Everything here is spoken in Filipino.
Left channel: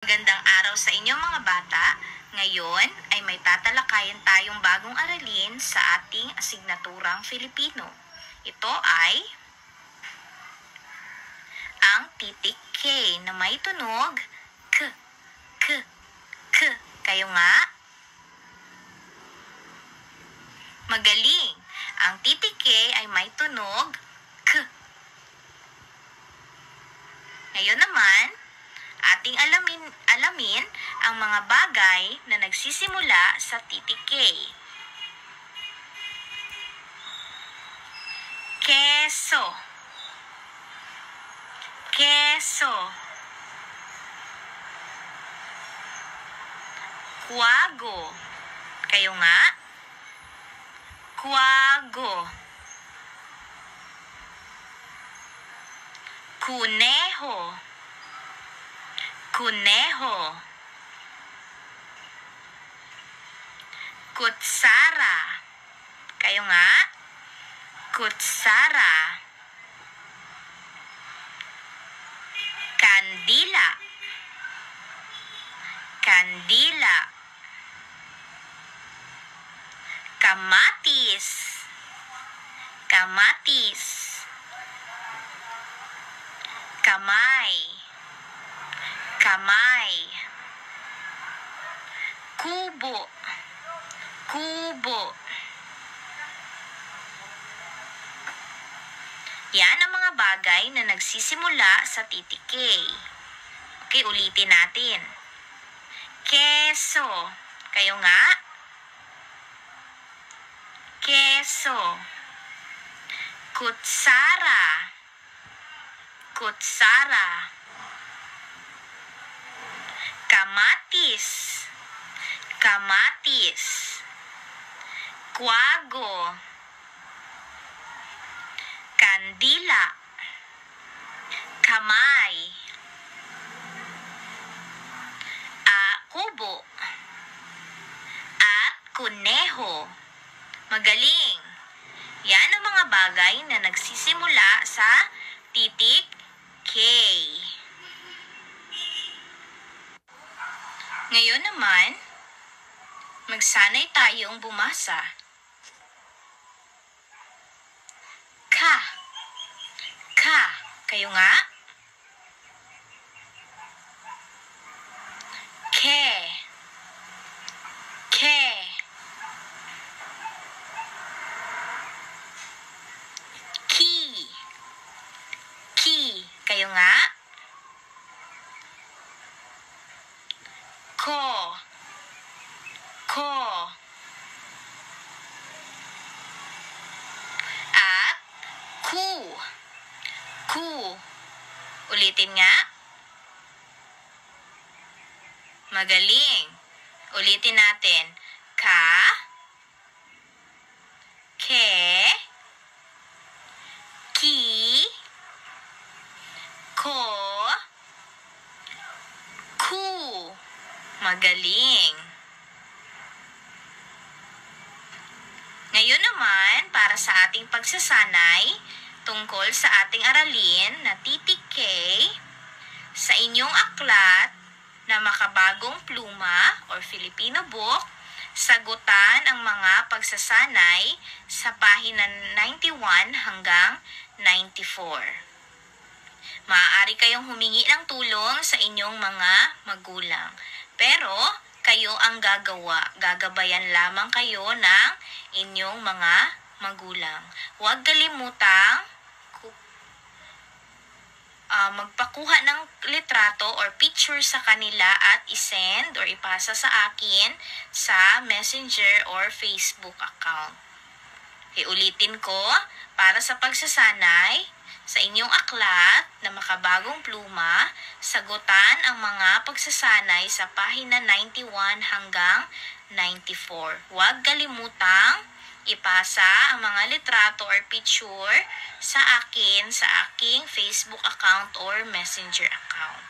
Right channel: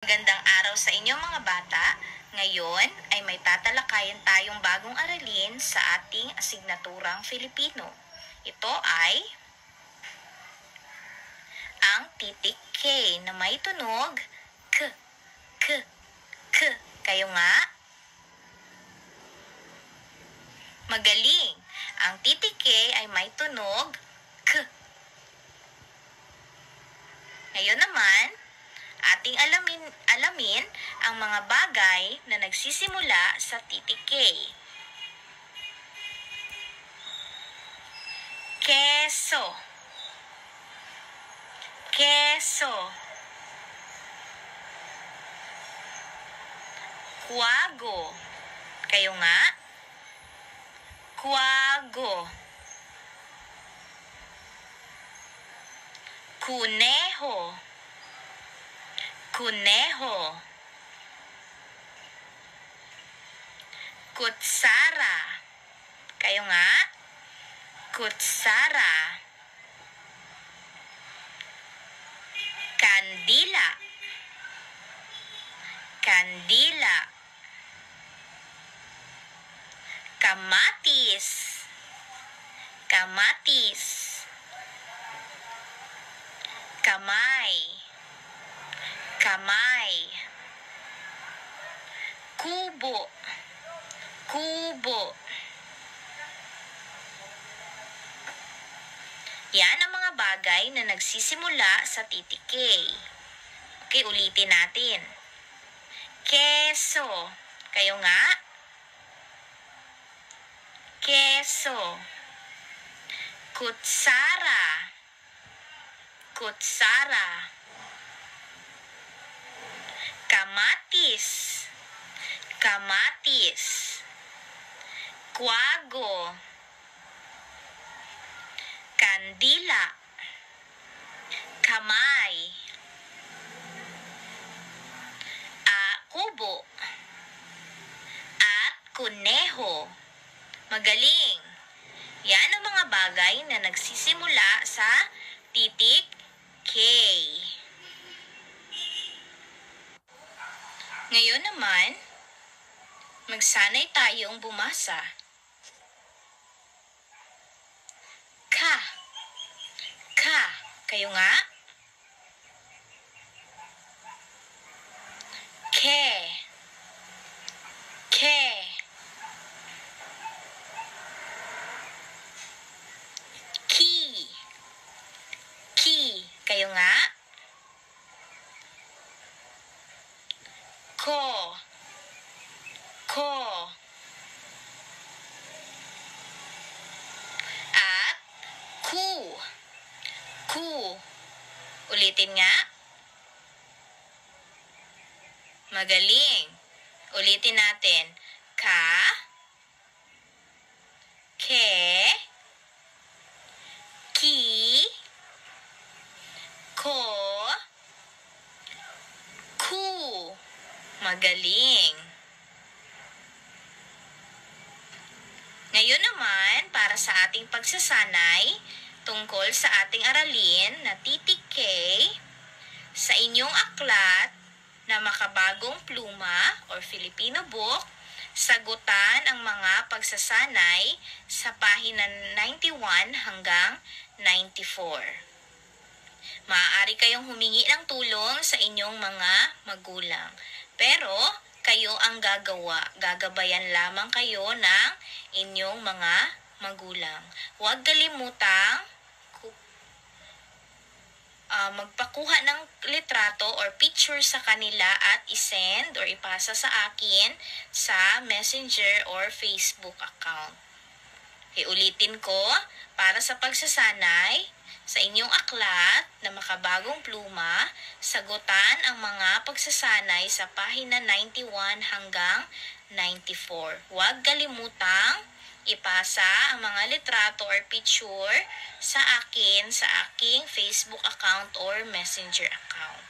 Magandang araw sa inyo mga bata. Ngayon ay may tatalakayan tayong bagong aralin sa ating asignaturang Filipino. Ito ay ang titik K na may tunog K, K, K. Kayo nga? Magaling! Ang titik K ay may tunog K. Ngayon naman, ating alamin ang mga bagay na nagsisimula sa titik K. Keso. Keso. Kuwago. Kayo nga? Kuwago. Kuneho. Kuneho. Kutsara. Kayo nga? Kutsara. Kandila. Kandila. Kamatis. Kamatis. Kamay. Kamay. Kubo. Kubo. Yan ang mga bagay na nagsisimula sa titik K. Okay, ulitin natin. Keso. Kayo nga? Keso. Kutsara. Kutsara. Kamatis. Kamatis. Kuwago. Kandila. Kamay. Kubo. At kuneho. Magaling! Yan ang mga bagay na nagsisimula sa titik K. Ngayon naman, magsanay tayong bumasa. Ka. Ka. Kayo nga? Ke. Ke. Ki. Ki. Kayo nga? Ko. Ko. At ku. Ku. Ulitin nga. Magaling. Ulitin natin. Ka. Ke. Ki. Ko. Ku. Magaling. Ngayon naman, para sa ating pagsasanay tungkol sa ating aralin na titik K, sa inyong aklat na Makabagong Pluma or Filipino Book, sagutan ang mga pagsasanay sa pahina 91 hanggang 94. Maaari kayong humingi ng tulong sa inyong mga magulang. Pero, kayo ang gagawa. Gagabayan lamang kayo ng inyong mga magulang. Huwag kalimutang magpakuha ng litrato or picture sa kanila at isend or ipasa sa akin sa Messenger or Facebook account. Ulitin ko, para sa pagsasanay sa inyong aklat na Makabagong Pluma, sagutan ang mga pagsasanay sa pahina 91 hanggang 94. Huwag kalimutang ipasa ang mga litrato or picture sa akin sa aking Facebook account or Messenger account.